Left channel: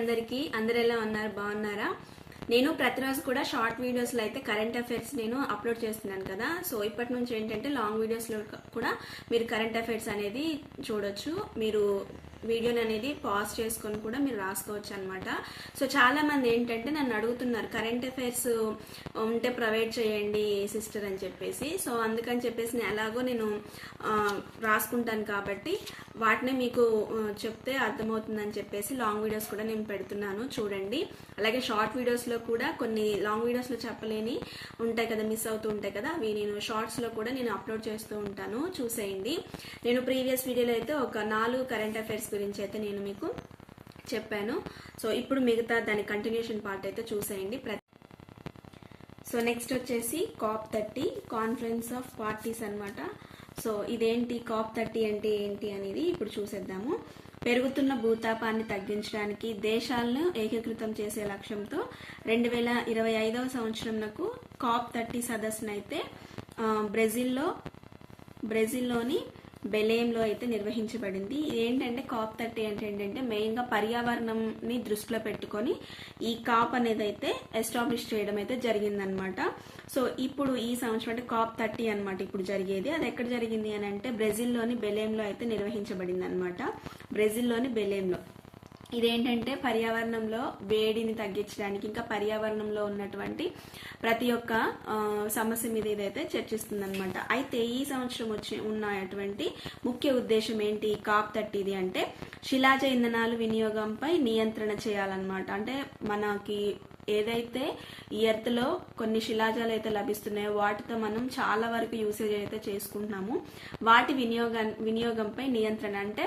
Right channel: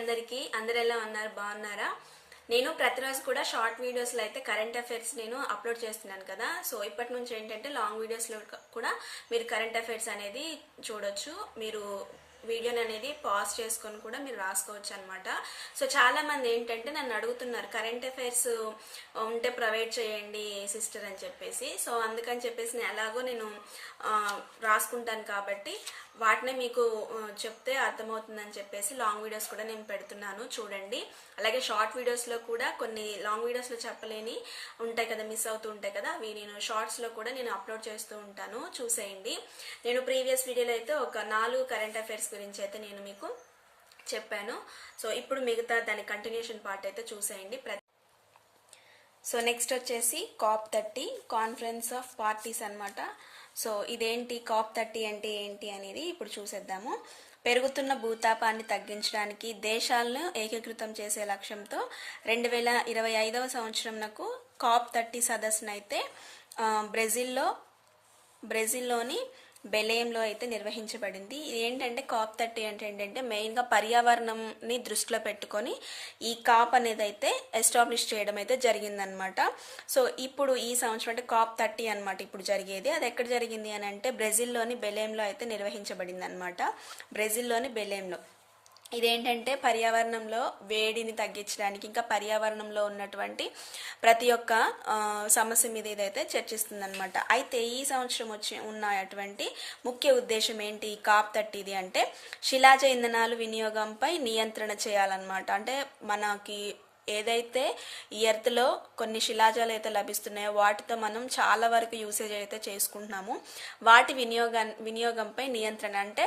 అందరికీ. అందరు ఎలా ఉన్నారు? బాగున్నారా? నేను ప్రతిరోజు కూడా షార్ట్ వీడియోస్లో అయితే కరెంట్ అఫైర్స్ నేను అప్లోడ్ చేస్తున్నాను కదా. సో ఇప్పటి నుంచి ఏంటంటే లాంగ్ వీడియోస్లో కూడా మీరు కరెంట్ అఫైర్స్ అనేది చూడొచ్చు. మీరు వీడియోని అనేది పాజ్ చేసుకొని కూడా మీరు రాసుకోవచ్చు అనమాట. సో చాలా మంది ఏంటంటే నన్ను అడుగుతున్నారు కరెంట్ అఫైర్స్ ఉంటే ప్రొవైడ్ చేయండి సిస్టర్ అని చెప్పేసి. సో అందుకని చెప్పేసి నేను ఎలాగో నేను రాసుకుంటాను కాబట్టి వాటిని మీకు చెప్తే అర్థమవుతుందని చెప్పేసి లాంగ్ వీడియోస్ కూడా నేను పెడుతున్నాను, చూడండి. అలాగే షార్ట్ వీడియోస్లో కూడా కొన్ని లాంగ్ వీడియోస్లో చెప్పలేని ఉంటాయి కదా, మిస్ అవుతూ ఉంటాయి కదా, అవి నేను షార్ట్స్లో కూడా నేను అప్లోడ్ చేస్తూ ఉంటాను, చూసేయండి. నేను ప్రీవియస్ వీడియోలో అయితే ఒక 4 కరెంట్ అఫైర్స్ గురించి అయితే నేను మీకు చెప్పాను. సో ఇప్పుడు మిగతా దాని కంటిన్యూషన్ పార్ట్ అయితే చూసేయండి. సో నెక్స్ట్ వచ్చేసి COP30 కాన్ఫరెన్స్ ఆఫ్ పార్టీస్ అన్నమాట. సో ఇదేంటి COP30 అంటే ఏంటి అనేది ఇప్పుడు చూసేద్దాము. పెరుగుతున్న భూతాపాన్ని తగ్గించడానికి దేశాలను ఏకీకృతం చేసే లక్ష్యంతో 2025వ సంవత్సరంకు COP30 సదస్సునైతే బ్రెజిల్లోని బెలేంలో అయితే నిర్వహించబడింది. ఏంటంటే COP30 అంటే ఏంటంటే మెయిన్గా పర్యావరణంని దృష్టిలో పెట్టుకొని ఈ కాప్ అనేది అయితే ఎస్టాబ్లిష్ చేయడం అయితే జరిగిందనమాట. సో ఇప్పుడు ఈ సంవత్సరం అంటే COP30 అనమాట ఇప్పుడు జరిగేది. అది ఎక్కడ జరిగింది అని అంటే బ్రెజిల్లోని బెలేంలో అయితే నిర్వహించబడింది అనమాట. బ్రెజిల్లోని బెలేంలో ఇదేంటంటే పర్యావరణంలో వేడిని తగ్గించడానికి ఇంకా పర్యావరణంలో ఉన్నటువంటి ప్రతి ఒక్క సమస్య మీద ఇదైతే చర్చిస్తుంది అనమాట. అయితే ఈ సంవత్సరం ఉన్నటువంటి ముఖ్య ఉద్దేశం ఏంటి COP30 అంటే శిలాజ ఇంధనాలు వినియోగంపై నియంత్రణ చేయాలన్నమాట. అంటే మనకి ఏదైతే ఈ ఎర్త్లో కొన్ని శిలాజాలు అయితే లభిస్తున్నాయో వాటితో మనం చాలా వరకు యూసేజ్ అయితే చేసుకుంటున్నాము. వాటి వినియోగంపై నియంత్రణ అంటే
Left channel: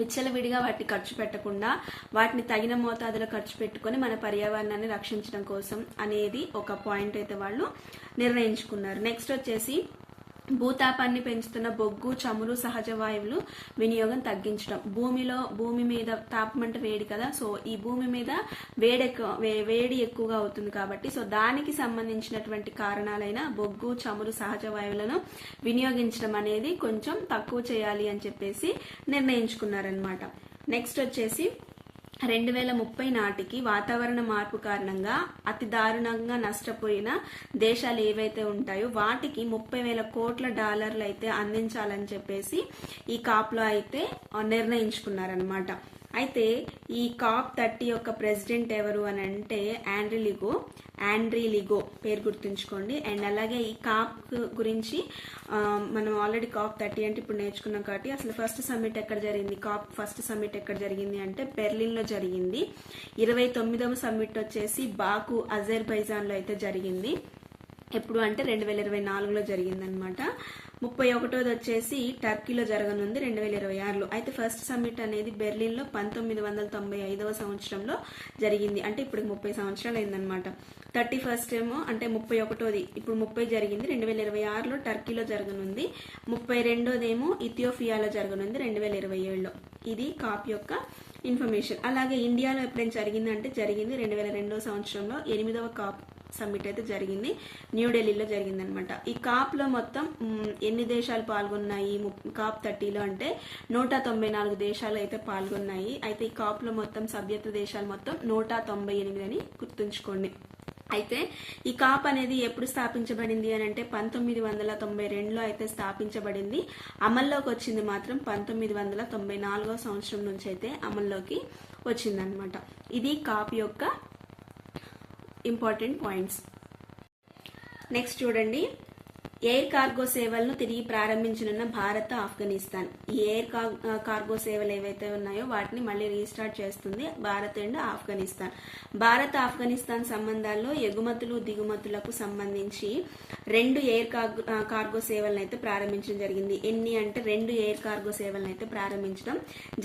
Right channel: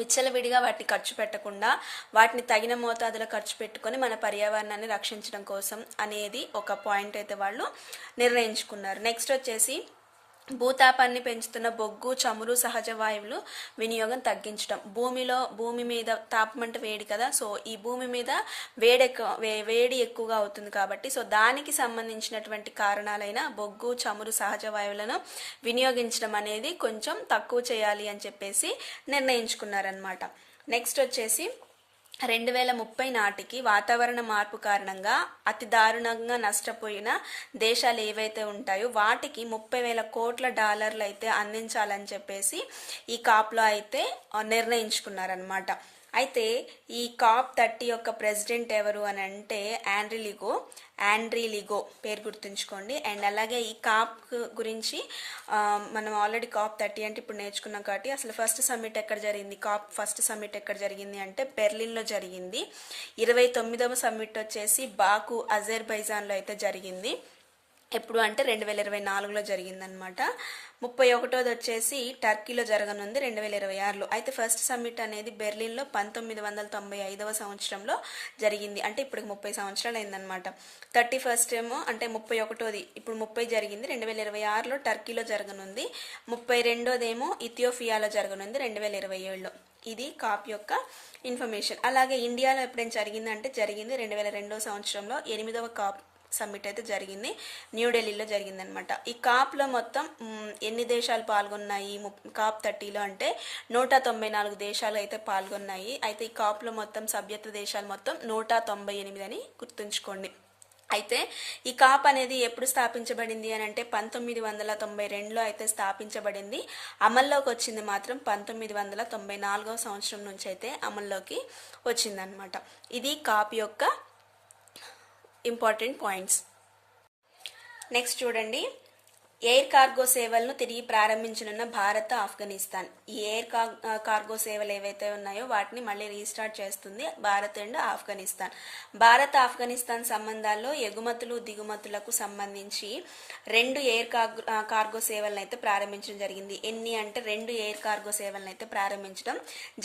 విచ్చలవిడిగా వాటిని ఖర్చు పెట్టకుండా వాటిని తగిన మోతాదులో ఖర్చు పెట్టుకొని మన పర్యావరణాన్ని రక్షించడం కోసం అనేది ఒక పాయింట్ అయితే వాళ్ళు నిర్ణయించుకున్నారు. నెక్స్ట్ వచ్చేసి భూతాపాన్ని పెంచుతున్న బొగ్గు, చమురు, సహజ వాయువులు వినియోగం తగ్గించడం. భూమి మీద తాపం అంటే వేడి కదా, సో ఈ భూమి మీద వేడి ఎక్కువగా అవుతుంది కాబట్టి సో దానికి సంబంధించినటువంటి కారణాలైన బొగ్గు, చమురు, సహజ వాయువులను వినియోగించడం అనేది కొంచెం తక్కువ చేయాలి అని చెప్పేసి నిర్ణయించుకున్నారనమాట. నెక్స్ట్ వచ్చేసి 2030 నాటికి వాతావరణ మార్పు కారణంగా అతి దారుణంగా నష్టపోయిన దేశాలు ఏవైతే ఉంటాయో వాటికి $30,000 కోట్ల అయితే అందించాలని చెప్పేసి ఈ కాప్లో అయితే నిర్ణయించుకున్నారనమాట. అయితే ఈ COP30 యొక్క ప్రెసిడెంట్ ఎవరు అని అంటే ఆండ్రీ లిగో పేరు గుర్తుంచుకోండి. అండ్ అలాగే ఈ కాప్ గురించి మనం ఆల్రెడీ COP30 అంటే ఇప్పుడు నేర్చుకున్నాం కాబట్టి అసలు ఫస్ట్ సమ్మిట్ ఎక్కడ జరిగింది, COP ఫస్ట్ సమ్మిట్ ఎక్కడ జరిగింది అంటే బెర్లిన్లో జరిగింది. 29వ సమ్మిట్ వచ్చేసి బాకు అజర్బైజాన్లో అయితే జరిగింది. ఎప్పుడు అంటే 2024లో జరిగిందనమాట. 31వది వచ్చేసి టర్కీలో జరగనుంది 2026లో. అయితే ఫస్ట్ సమ్మిట్ అనేది బెర్లిన్లో 1995వ సంవత్సరంలో జరిగింది. అంటే ఇప్పుడు 30 సంవత్సరాలు అయిందనమాట. 31st ఏమో అంటే 31వది ఇప్పుడు 30 జరిగింది 2026లో టర్కీలో జరగనుంది. 32వది ఏమో ఇథియోపియాలో జరగనుంది 2027లో. ఇది కాప్ యొక్క ఇన్ఫర్మేషన్. అలాగే ఇండియాలో ఎప్పుడైనా జరిగిందంటే జరిగింది 2002వ సంవత్సరంలో 8వ కాప్ సమ్మిట్ అయితే జరిగింది, న్యూఢిల్లీలో జరిగిందనమాట. ఈ కాప్లో మొత్తం ఎన్ని దేశాలు పాల్గొన్నాయి COP30లో అంటే 194 దేశాలు అయితే పాల్గొన్నాయి. అయితే ఈ కాప్లో మొత్తం సభ్యత్వ దేశాలు మొత్తం 198 అని గుర్తుంచుకోండి. అయితే ఈ కాప్ అనేది ఎప్పుడు స్థాపించబడింది అని అంటే 1992లో అయితే స్థాపించబడింది. అమల్లోకి వచ్చింది మాత్రం 1994వ సంవత్సరం నుంచి అయితే అమల్లోకి వచ్చిందనమాట. ఇది కాప్ యొక్క ఇంపార్టెంట్ పాయింట్స్. నెక్స్ట్ చూడండి, ఎయిర్ కార్గో సేవలను తిరిగి ప్రారంభించనున్న భారత్, ఆఫ్ఘనిస్తాన్. ఈ ఎయిర్ కార్గో సేవలు ఏవైతే ఉన్నాయో వాటిని మళ్ళీ రీస్టార్ట్ చేస్తుంది భారత్ అండ్ ఆఫ్ఘనిస్తాన్. భారత్ ఆఫ్ఘనిస్తాన్ సంబంధాల్లో ఎగుమతులు దిగుమతులకు సంబంధించి 2 ఎయిర్ కార్గో సేవలను అయితే ప్రారంభించడం జరిగింది. ఎన్ని అంటే 2 ఎయిర్ కార్గో సేవలను అయితే ప్రారంభించడం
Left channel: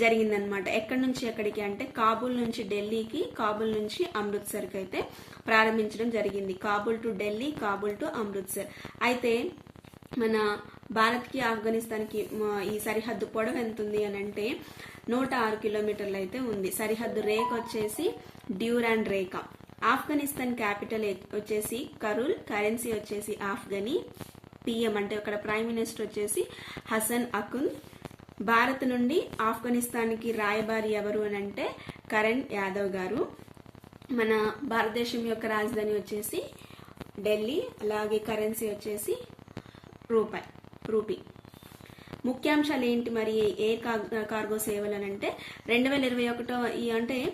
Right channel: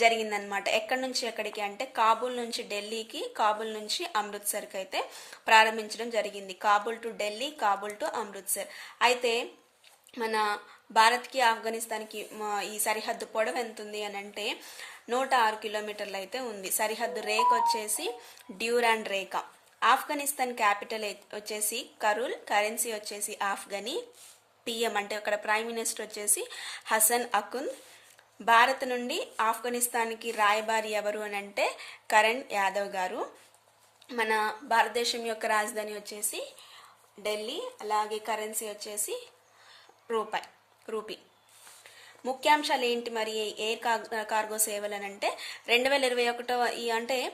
జరిగిందనమాట. ఎక్కడి నుంచి ఎక్కడికి అంటే కాబూల్ నుంచి ఢిల్లీకి, కాబూల్ నుంచి అమృత్సర్కి అయితే ప్రారంభించడం జరిగింది. Kabul to Delhi, Kabul to Amritsar. అయితే మన భారత్కి ఆఫ్ఘనిస్తాన్కి ఈ సరిహద్దు పొడవు ఎంత ఉంది అని అంటే 106 కిలోమీటర్లు అయితే ఉంది. సరిహద్దు రేఖ వచ్చేసి డ్యూరాండ్ రేఖ. ఆఫ్ఘనిస్తాన్ క్యాపిటల్ వచ్చేసి కరూల్, కరెన్సీ వచ్చేసి ఆఫ్ఘనీ, పిఎం అంటే అక్కడ ప్రైమ్ మినిస్టర్ వచ్చేసి హసన్ అకుంద్, భారత్ నుండి ఆఫ్ఘనిస్తాన్కి రాయబారి ఎవరు అని అంటే కరణ్ యాదవ్ గారు. మన భారతదేశం యొక్క రాజధాని వచ్చేసి ఢిల్లీ, అలాగే కరెన్సీ వచ్చేసి రూపీ. ముఖ్యాంశాలు ఏంటి మరి ఎయిర్ కార్గో సేవలు అని అంటే 2021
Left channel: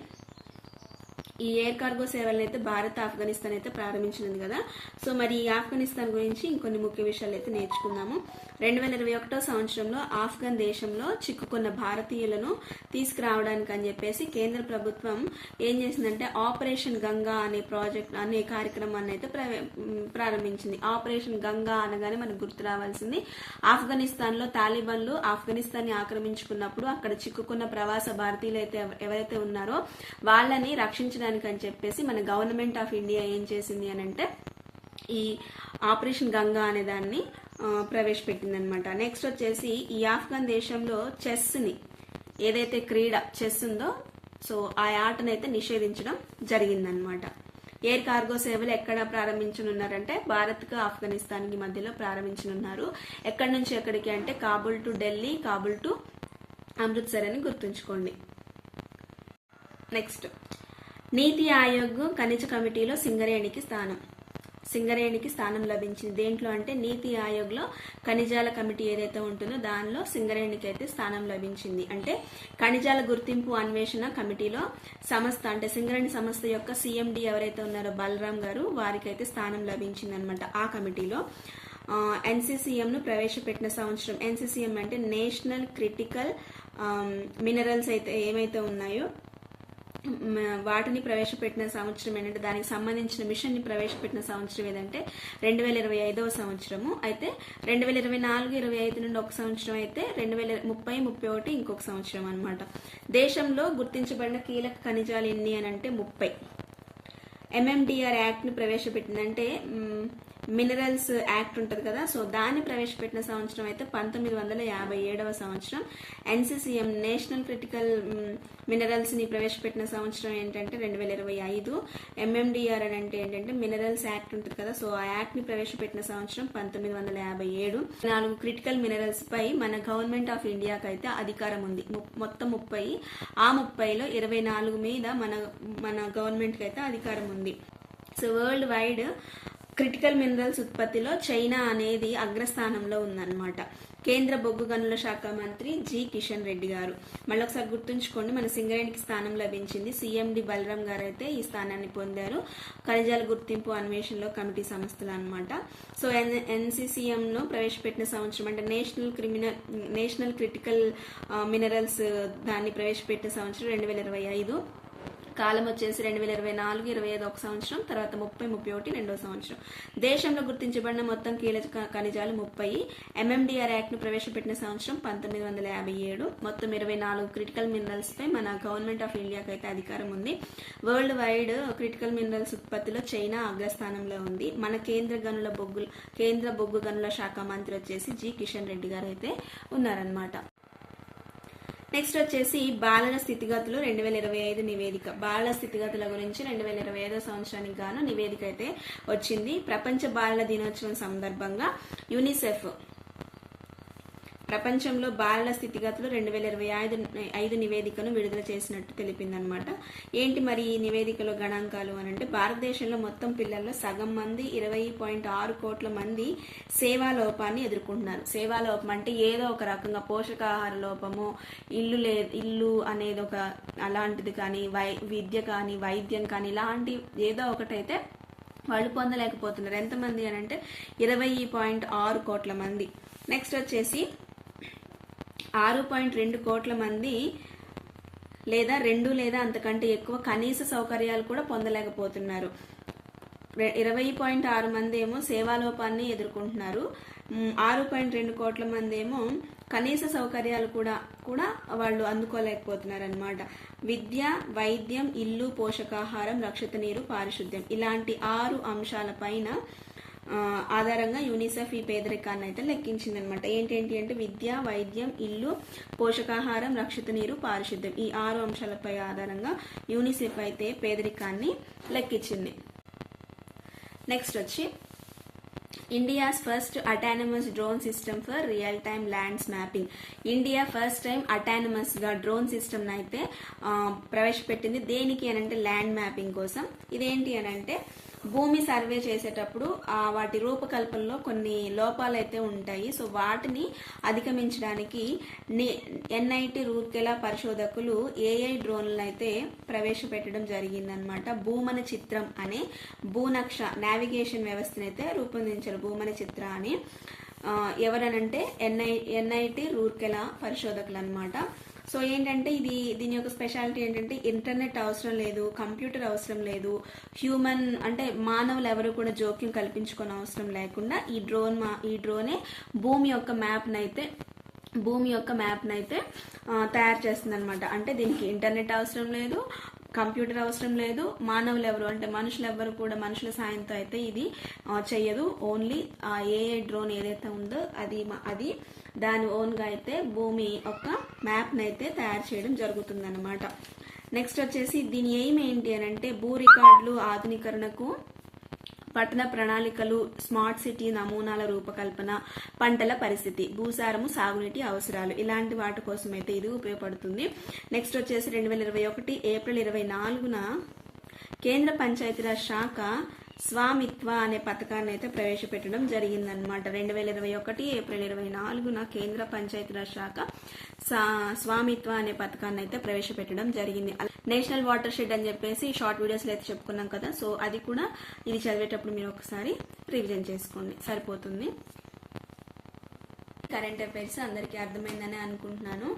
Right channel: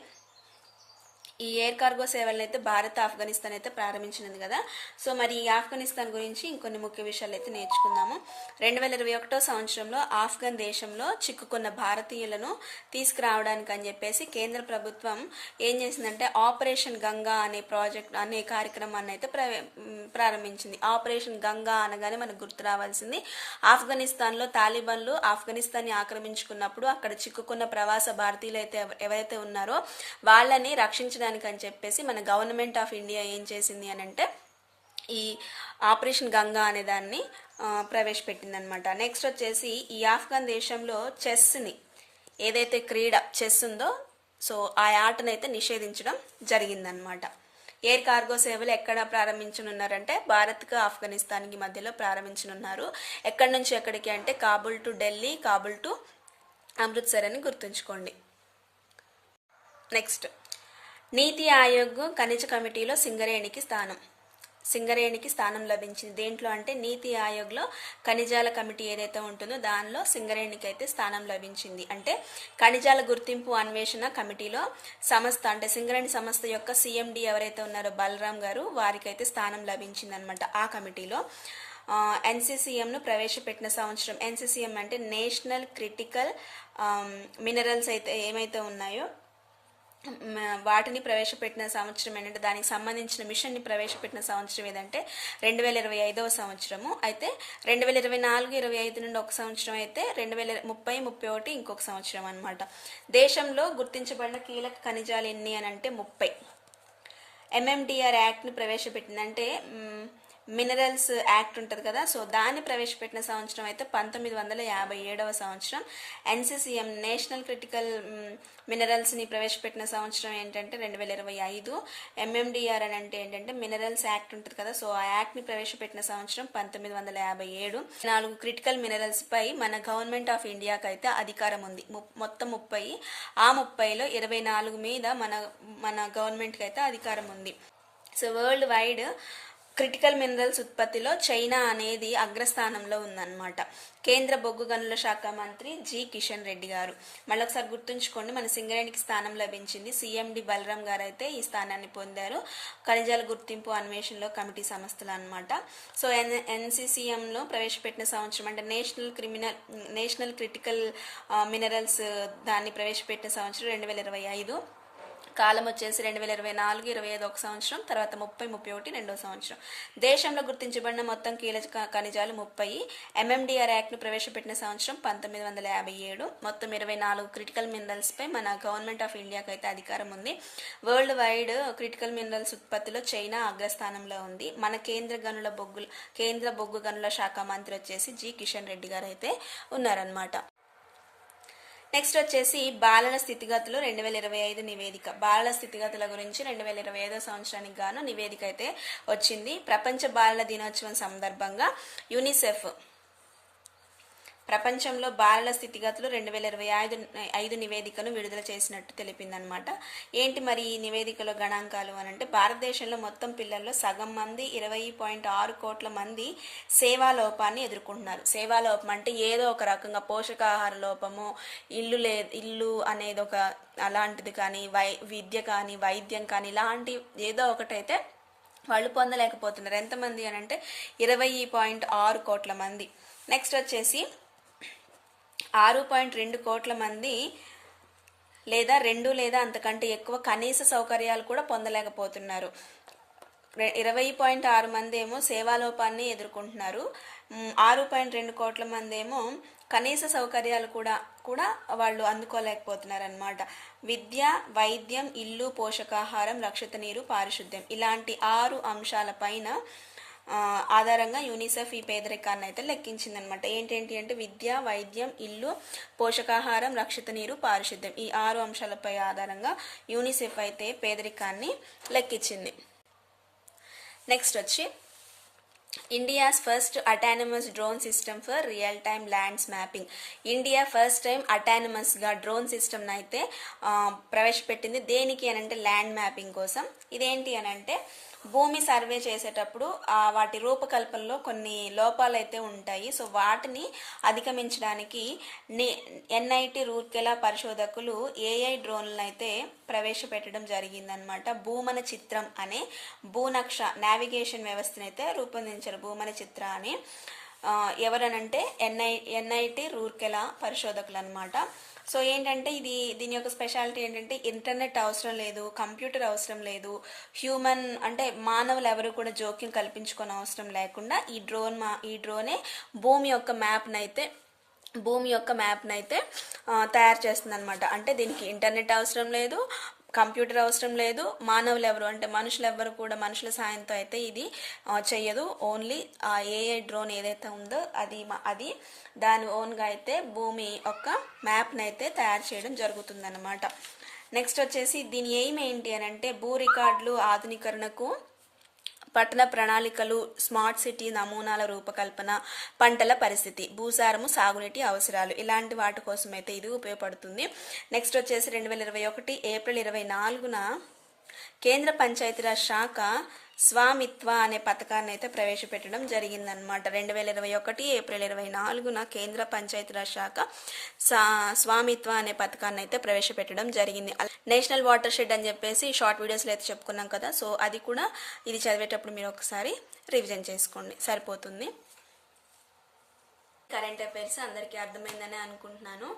ఈ ఎయిర్ కార్గో సేవలను అయితే భారత్ ఆఫ్ఘనిస్తాన్ అయితే ప్రారంభించినది కదా. సో మరి ఈ ఆఫ్ఘనిస్తాన్ గురించి ఇంకొన్ని ముఖ్య విషయాలు అయితే నేర్చుకుందాము. 2021 సంవత్సరంలో ఆఫ్ఘన్ దేశంలో చిక్కుకున్న భారతీయులను తీసుకురావడానికి అని చెప్పేసి కేంద్ర ప్రభుత్వం ఏం చేసిందంటే ఆపరేషన్ గంగా అనే కార్యక్రమాన్ని అయితే ప్రారంభించింది. ఆపరేషన్ గంగా అనగానే మనకు గుర్తు రావాల్సింది ఆఫ్ఘనిస్తాన్లో తాలిబాన్లు ఆఫ్ఘనిస్తాన్ని ఆక్రమించుకున్నప్పుడు అక్కడ చిక్కుకున్న ప్రవాస భారతీయులు అయితే ఎవరైతే ఉన్నారో వాళ్ళని రక్షించడానికి అని చెప్పేసి మన గవర్నమెంట్ ఆఫ్ ఇండియా ఏం చేసింది అని అంటే ఈ ఆపరేషన్ గంగా అనే దాన్ని ప్రవేశపెట్టింది అనమాట. నెక్స్ట్ వచ్చేసి ఈ ఆఫ్ఘన్ దేశంలో చెస్ని ఏదైతే క్రీడ చెస్ ఉందో సో ఆ ఆటనైతే నిషేధించడం జరిగిందనమాట. ఎయిర్ కార్గో సేవలు ఎక్కడ ప్రారంభించనున్నారంటే భారత్కు ఆఫ్ఘనిస్తాన్కి మధ్యలో ప్రారంభించనున్నారు. ఎక్కడి నుంచి ఎక్కడికి అంటే కాబుల్ టు ఢిల్లీ, కాబుల్ టు అమృత్సర్ అని గుర్తుంచుకోండి. నెక్స్ట్ నీతి ఆయోగ్ ఖనిజ కమిటీలో సింగరేణికి స్థానం లభించింది. దేంట్లో అంటే నీతి ఆయోగ్లో ఖనిజాల కమిటీ ఏదైతే ఉంటుందో దానిలో సింగరేణికి అయితే స్థానం లభించింది. అంటే ఖనిజాల గుర్తింపు అన్వేషణ కమిటీలో సంస్థ అంటే సింగరేణి సంస్థ యొక్క సిఎండి ఎవరైతే ఉన్నారో బలరాం గారు వారికైతే స్థానం లభించింది అనమాట. ఆ కమిటీలో ఎన్సీసీఎంను ప్రవేశపెట్టిన సంవత్సరం. ఎన్సీసీఎం అంటే నేషనల్ క్రిటికల్ మినరల్స్ అయితే ఏమైతే ఉన్నాయో వాటిని ప్రవేశపెట్టిన సంవత్సరం ఏంటంటే దానికి సంబంధించిన మిషన్ని ప్రవేశపెట్టిన సంవత్సరం ఏదంటే 2025 సంవత్సరము. అయితే 2024-25 నుండి ఒక సంవత్సరం అయితే 2030-31 ఇంకొక సంవత్సరం అనమాట. దేశంలో గుర్తించబడిన కీలక ఖనిజాలు ఎన్ని అని అంటే 30. ఎంఎండిఆర్ యాక్ట్ని ప్రవేశపెట్టిందంటే మినరల్స్ యాక్ట్ ఉంటుంది కదా, సో దాన్ని ప్రవేశపెట్టిన సంవత్సరం అయితే 1957 సంవత్సరం. ఎన్సీసీఎం నేషనల్ క్రిటికల్ మినరల్స్ని ప్రవేశపెట్టిన సంవత్సరం ఏంటంటే 2025. ఎంఎండిఆర్ అని అంటే ఏంటంటే మినరల్స్ యాక్ట్ ఉంటుంది కదా, సో ఆ యాక్ట్ని ప్రవేశపెట్టిన సంవత్సరం 1957. 4 క్రిటికల్ మినరల్స్ పై మన గవర్నమెంట్ ఆఫ్ ఇండియాకి అయితే అధికారం ఉంది. మొత్తం 30. ఆ 30లో 24 మీద మన గవర్నమెంట్కి అయితే అధికారం ఉంది. So world wide critical minerals ఉత్పత్తిలో చైనా అనేది అగ్రస్థానంలో ఉందన్నమాట. కేంద్ర బొగ్గు గనుల శాఖ మంత్రి జి కిషన్ రెడ్డి గారు. మళ్ళొకసారి గుర్తుంచుకోండి, మన సింగరేణికి స్థానం లభించింది. సిఎండి బలరాం గారు అయితే ఈ స్థానాన్ని పొందారు. ఖనిజాల గుర్తింపు అన్వేషణలో కమిటీ సంస్థలు అనమాట. సో ఎన్సీసీఎంలో ప్రవేశపెట్టిన సంవత్సరం అంటే నేషనల్ క్రిటికల్ మినరల్స్ దాన్ని ప్రవేశపెట్టిన సంవత్సరం 2025. కాలం వచ్చేసి 2024-25 ఒక సంవత్సరం, తర్వాత 30-31 రెండో సంవత్సరం. దేశంలో గుర్తించబడిన మొత్తం కీలక ఖనిజాలు 30. ఎంఎండిఆర్ యాక్ట్ను ప్రవేశపెట్టిన సంవత్సరం 1957. మొత్తం 24 క్రిటికల్ మినరల్స్ పై మన గవర్నమెంట్ ఆఫ్ ఇండియాకి అయితే అధికారం ఉంది. వరల్డ్ వైడ్ క్రిటికల్ మినరల్స్ ఉత్పత్తిలో చైనా అగ్రస్థానంలో ఉంది. మన కేంద్ర బొగ్గు గనుల శాఖ మంత్రి వచ్చేసి జి కిషన్ రెడ్డి గారు అయితే ఉన్నారనమాట. నెక్స్ట్ వచ్చేసి బాలల స్థితిగతులు 2025 నివేదిక. బాలల స్థితిగతుల గురించి 2025 సంవత్సరానికి గాను నివేదిక అయితే వచ్చింది. ప్రపంచ బాలల దినోత్సవం సందర్భంగా యూనిసెఫ్ ప్రపంచంలో బాలల స్థితిగతులు 2025 నివేదికను విడుదల చేసినట్టు తెలిపిందనమాట. ఏంటి మరి ఈ నివేదికలో గణాంకాలు అని అంటే భారతదేశంలో మొత్తం పిల్లల్లో సగం మంది 20.6 కోట్ల మంది సేవాలోపాన్ని ఎదుర్కొంటున్నారు. సేవాలోపం అంటే ఏదో ఒక రకంగా పోషకాహార లోపము, ఇల్లు అనేది ఒక అలాంటిది కానీ, విద్య కానీ, వైద్యం కానీ ఇలాంటి ఏదో ఒకటైతే వాళ్ళు పొందలేకపోతున్నారు. ఎంతమంది అని అంటే 20.6 కోట్ల మంది. నెక్స్ట్ వచ్చేసి 6.2 కోట్ల మంది లేదా 2 లేదా అంతకంటే ఎక్కువ కనీస సౌకర్యాలు కూడా పొందలేకపోతున్నారు. 20.6 మంది ఏమో సేవాలోపాన్ని ఎదుర్కొంటున్నారు. 6.2 కోట్ల మంది ఏమో కనీస సౌకర్యాలు కూడా వాళ్ళు అందుకోలేకపోతున్నారు అనమాట. విద్య, వైద్యం, ఇల్లు, పోషకాహారం, రక్షిత నీరు, పారిశుద్ధ్యం ఇలాంటి 6 అంశాలపైన ఆధారంగా యూనిసెఫ్ ఈ పేదరికాన్ని అయితే లెక్కించిందనమాట. ఏంటేంటి అంటే విద్య, వైద్యం, ఇల్లు, పోషకాహారం, రక్షిత నీరు, పారిశుద్ధ్యం ఈ 6 అంశాలపై ఆధారంగా యూనిసెఫ్ అయితే పేదరికాన్ని లెక్కించింది. నెక్స్ట్ వచ్చి India's first autonomous drone system for real time lands mapping. India first time autonomous గా డ్రోన్ సిస్టమ్ అయితే ప్రవేశపెట్టింది. దేనికి అనంటే ల్యాండ్ మ్యాపింగ్ కోసం. ఇదేంటి అనంటే భూమి సర్వే చేసేటప్పుడు వాటి రూపకల్పనలో కొన్ని లోపాలు అయితే ఉంటాయి. సో వాటిని అధిగమించడానికి ఎన్ఐటి రూర్కెలా పరిశోధకులు ఏఐ డ్రోన్లను అయితే ప్రవేశపెట్టడం జరిగిందనమాట. భూమన చిత్రం అనే భూనక్ష నావిగేషన్ వ్యవస్థను అయితే రూపొందించారు. భూమన చిత్ర అని ఎవరనంటే ఎన్ఐటి రూర్కెలా పరిశోధకులు అనమాట. సో ఏంటంటే దీని యొక్క స్పెషాలిటీ ఏంటంటే ఇంటర్నెట్ అవసరం లేదు, కంప్యూటర్ అవసరం లేదు, హ్యూమన్ అంటే మానవులు ఎవరు కూడా జోక్యం కల్పించుకొని అవసరం లేకుండా ఈ డ్రోనే భూమి యొక్క మ్యాప్ని అయితే తయారు చేస్తుంది అనమాట. అంటే దీనికి ఇంటర్నెట్ అవసరం లేదు, కంప్యూటర్ అవసరం లేదు, మానవులు ఎవరు అంటే మనుషులు ఎవరు కూడా మనుషుల సాయంతో అయితే ఇది చెయ్యదు. ఓన్లీ ఆ ఏఐ డ్రోన్ ఏదైతే ఉందో అది దాని ఓన్గా అయితే భూమి యొక్క మ్యాప్ని అయితే తయారు చేయడం జరుగుతుందన్నమాట. నెక్స్ట్ వచ్చేసి దీని ఎయిమ్ ఏంటి అని అంటే భూ రికార్డులు ఆధునీకరణకు, పట్టణ ప్రణాళికలు, స్మార్ట్ సిటీ నమూనాల రూపకల్పన, పంటల పరిస్థితి, భూసారము, సాగునీటి అవసరాలు ఇలాంటి వాటి కోసం అయితే ఇది ఉపయోగపడుతుంది. నెక్స్ట్ వచ్చేసి 2021 ఏప్రిల్ 24న కేంద్ర పంచాయతీరాజ్ శాఖ స్వామిత్వ అనే పథకాన్ని అయితే ప్రవేశపెట్టడం జరిగిందనమాట. 2021 ఏప్రిల్ 24న కేంద్ర పంచాయతీరాజ్ శాఖ స్వామిత్వ అనే పథకాన్ని అయితే ప్రవేశపెట్టడం జరిగింది. నేషనల్ వాటర్ షెడ్ అని చెప్పేసి షార్ట్ వీడియోస్లో అయితే చెప్పుకున్నాం కదా. సో అది కూడా ఇది చదివేటప్పుడు మీరు ఒకసారి రివిజన్ చేసుకోండి, సరిపోతుంది. కరెంట్ అఫైర్స్ అందరికీ అర్థమైందని అనుకుంటున్నాను.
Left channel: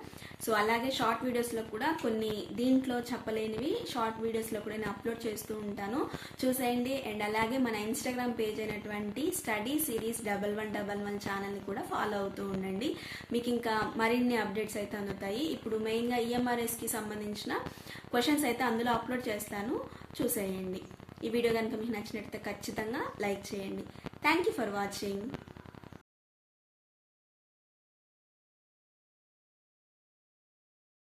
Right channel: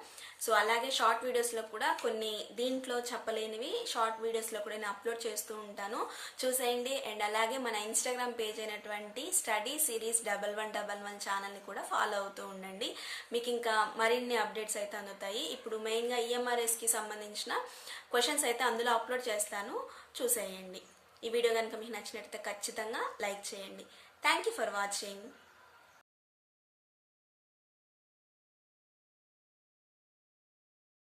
సో అలాగే షార్ట్ వీడియోస్లో కూడా కొన్ని దీంట్లో చెప్పలేనివి షార్ట్ వీడియోస్లో కూడా నేను అప్లోడ్ చేస్తూ ఉంటాను, చూసేయండి. అండ్ అలాగే మన ఇన్స్టాగ్రామ్ పేజ్ అయినటువంటి స్టడీ సిరీస్ 1111 ఛానల్ని కూడా ఫాలో అవుతూ ఉండండి. మీకు ఇంకా మరిన్ని అప్డేట్స్ అయితే అందుతాయి. ఇప్పుడు మెయిన్గా ఈఎంఆర్ఎస్కి సంబంధించిన క్వశ్చన్స్ అయితే అందులో అప్లోడ్ చేస్తాను, చూసేయండి. ఈ వీడియో కనుక మీకు నచ్చినట్లయితే ఖచ్చితంగా లైక్ చేయండి. Thank you for watching.